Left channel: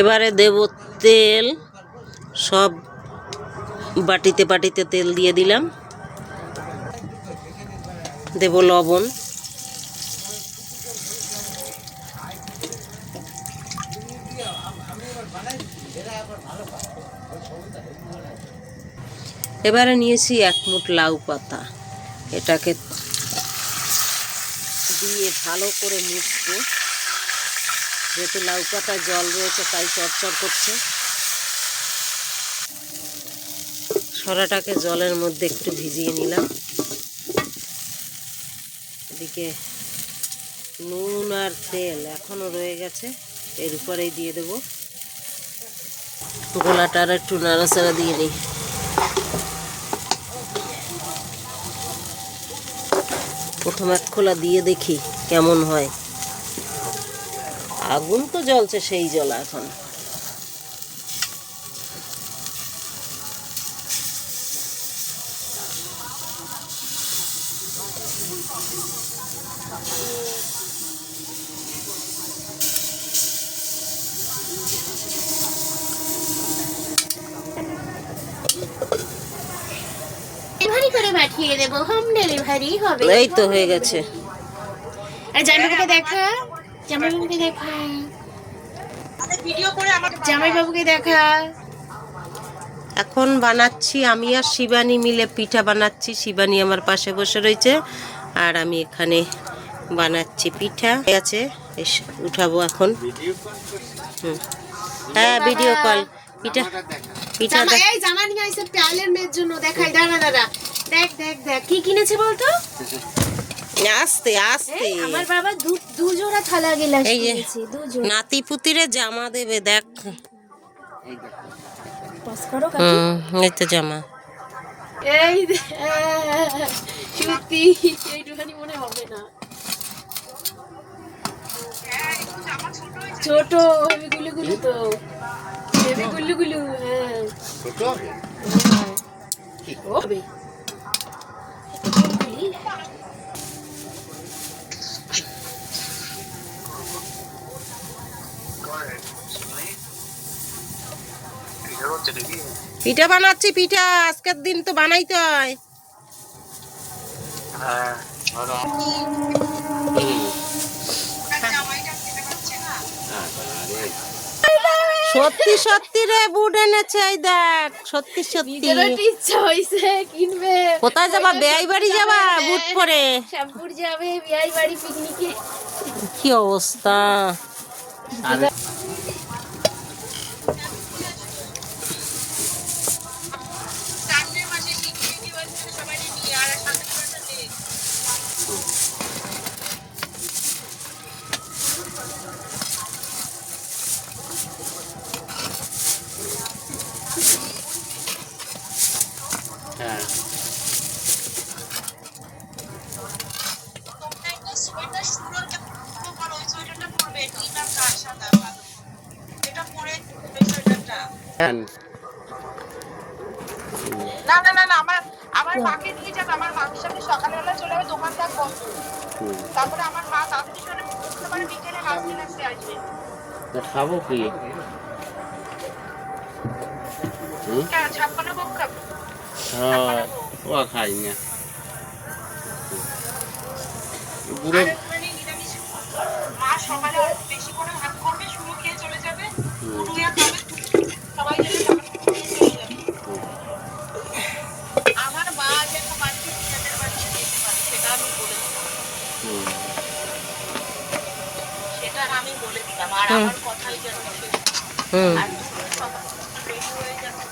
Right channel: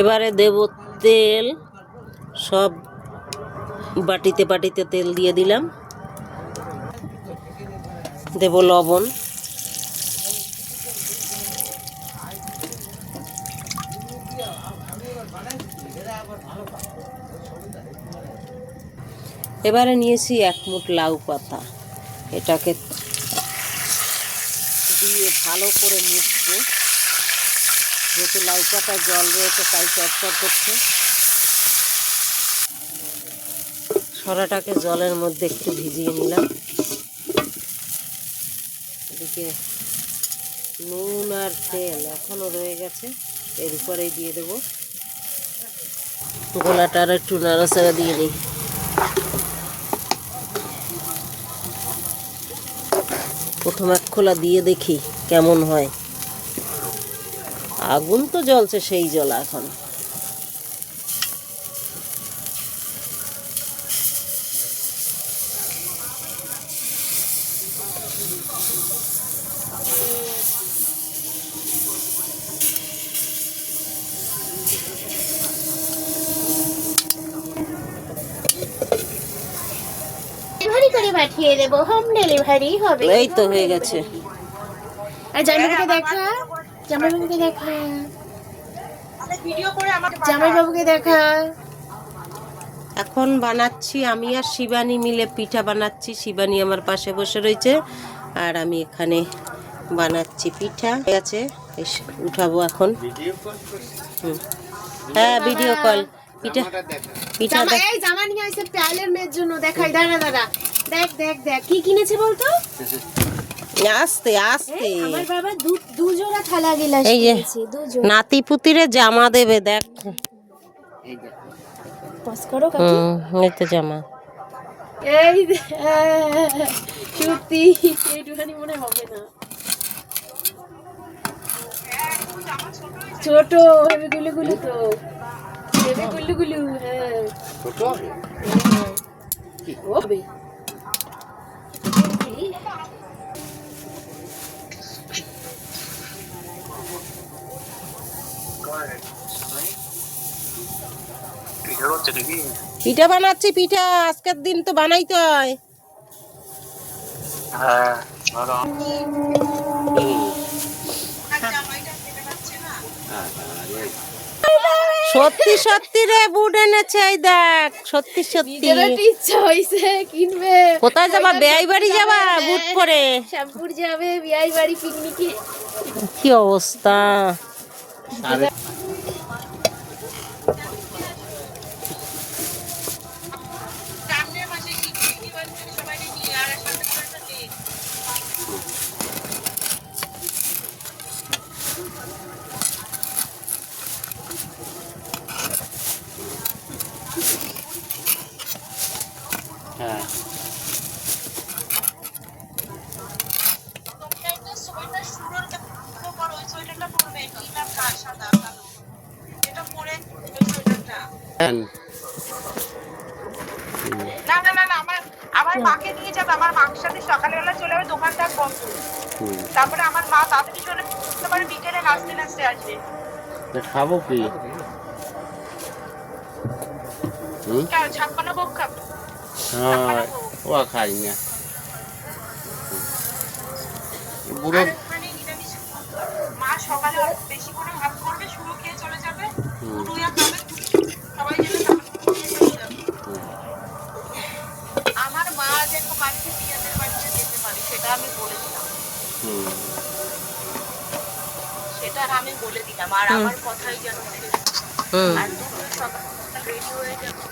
এবারে দেব তেল। সব বাটিতে বাটিতে তেল দিয়ে দিলাম। দেব লবণ। এবারে নিয়েছি এক মুঠ লাউ পাতা। এটাকে দিয়ে ভালো করে মুছবো। যেহেতু লাউ পাতায় জল রয়েছে, তাই চটচট করছে। সরাটাকে জলের মধ্যে একটু ভিজিয়ে নিলাম। এদিকে নুন আর তেল এখনও রয়ে গেছে, এর উপরেই দিয়ে দেব। গোলাটা আর একটু নাড়াচাড়া দিয়ে নিই প্রথম এক খোলা দিয়ে দেখি কেমন হয়। আগুন তো জ্বলছে সেই জল এখন। পাঠিয়ে দেবো। হোম ডেলিভারি হবে। এই তো হয়ে গেছে। আর দেখা জামাইবাবুকে দেখা জামাইবাবুকে দেখা এখন বানাচ্ছি আমি আর শিবানী মিলে পিঠা বানাচ্ছি। শিবানী আমার পাশে বসে রয়েছে। আর আমি এখানে বানাচ্ছি পিঠা। আছে এস- উঠাবো এখন। হুম। হ্যাঁ ভিডিও কল পিঠা পিঠা জামা দেখ। এই জামা নিয়ে আসছে ট্রায়ালের মেয়ের জন্য। দেখাই দাঁড়া দাঁড়া। দেখ দেখ দেখ। কি কিনেছে বলতো? আস্তে আস্তে আমার বাবা দু দু জোড়া থালা গিলাস এই যে। দু জোড়া নাতি পুতিরে জামা দেবে দেখ পজ করো কাকি। হুম এই তো জামা এই সত্যি এইটুখানি মনে হবে না ছোট হেবি গুলু গুলু তো হেবি গুলু গুলু হ্যাঁ হ্যাঁ। ও হবে। পিঠা বানাচ্ছি পিঠা। আজকের দিন তো বানাইতে হয়। সত্যি সত্যি রে বুট এনেছে এই দেখ। সত্যি সত্যি। ইচ্ছা কিনবে। কোথায় যাবা? বেয়াই বাড়ি যাবা বুট পরে? শ্যামপুর যাবে বিয়াই বাড়ি পিকনিকে কি অবস্থা? না না না না আমার আমার মাকে নিয়ে যাবে আমার মার সাথে সকালবেলা চলে যাবে দোকান থাকব তারপরে আমার মা তাড়াতাড়ি চলে পারে বিকেলে নাচতে নাচতে আসবে। খাব কি? কেন ছাপ্পান্ন ভোগ খাব। হ্যাঁ ও খাই না। বুড়ো মা সকালে বেশি করে ভাত করবে শুরু খেয়ে চলে যাবে। রুইয়া খাবে সবাই আমার মা যেন বাড়িতে পিঁয়াজের বাড়িতে যেতে পারে সেটা আমি বলে দিলাম। হুম। সেটা আমি বলে দিলাম আর আমার কথাই যেন আর রেডি হয়ে যাবে।